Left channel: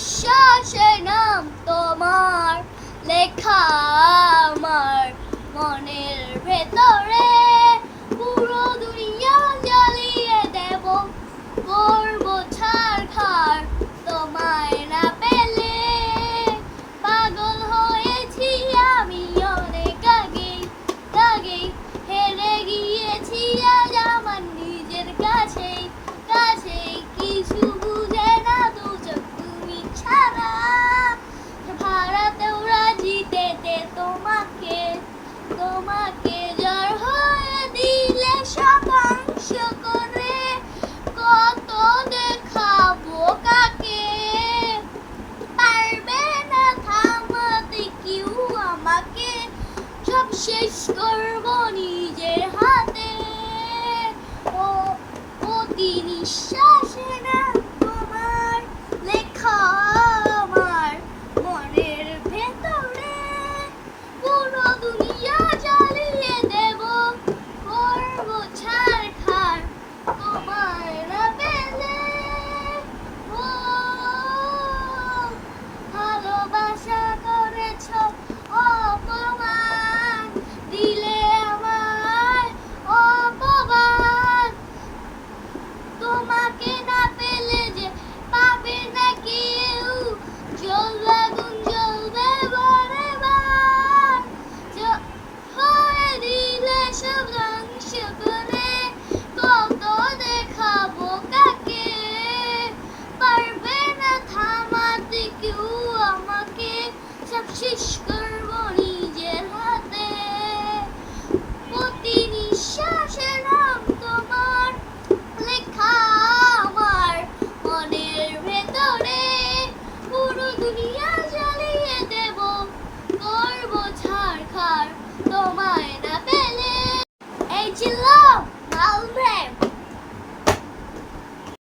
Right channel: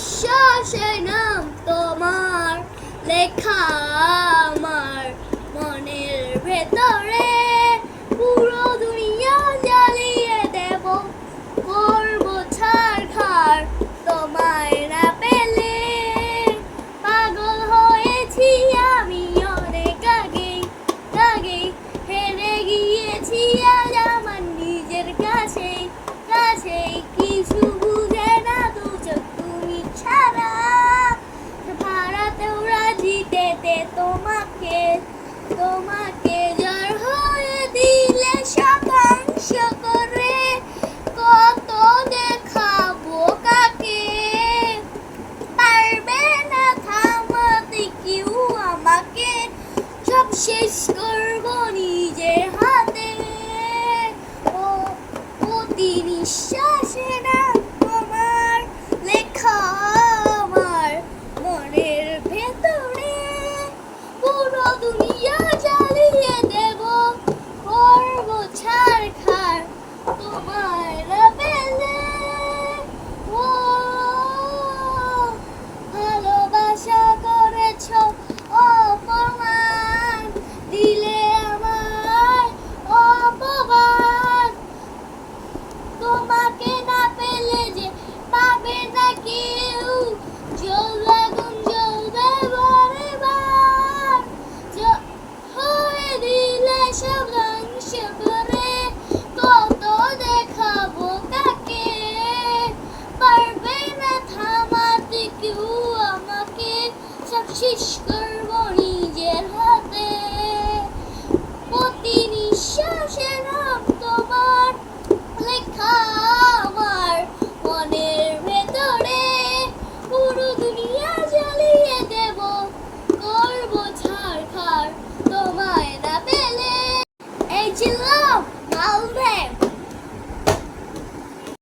নিঃশ্বাসে নাম তোমার লেখা আমার মনের ভেতরে পুরো দুনিয়া জ্বালিয়ে দেব করব ছারখার তোমায় না পেলে পাগল হয়েছি আমি অনেক আগেই হেরে গিয়েছি আজ আমার নিজের কাছেই কিছু বুঝে না দু চোখ তুমি ছাড়া ভাড়াতেও রাজি পেতে তোমাকে জ্বর হয়ে দিলে শতাংশ করে কত দেখাবো কাকে পারবে না থামাতে কেউ আমাকে সব শেষ করবো নিজের হাতে প্রতি নিঃশ্বাসে না তোমার লেখা আমার মনের ভেতরে পুরো দুনিয়া জ্বালিয়ে দেব করব ছারখার তোমায় না পেলে ও ভালোবাসা করেছ অপমান দিলে আমায় অপমান তোমাকে না পেলে যে পাবে না কেউ জ্বলবে আগুন জ্বলবে বারে বার হয়ে দিলে সব ধ্বংস করে কত দেখাবো কাকে পারবে না থামাতে কেউ আমাকে সব শেষ করবো নিজের হাতে প্রতি নিঃশ্বাসে নাম তোমার লেখা আমার মনের ভেতরে পুরো দুনিয়া জ্বালিয়ে দেব করব ছারখার তোমায় না পেলে এই ছিল মালদ্বীপ।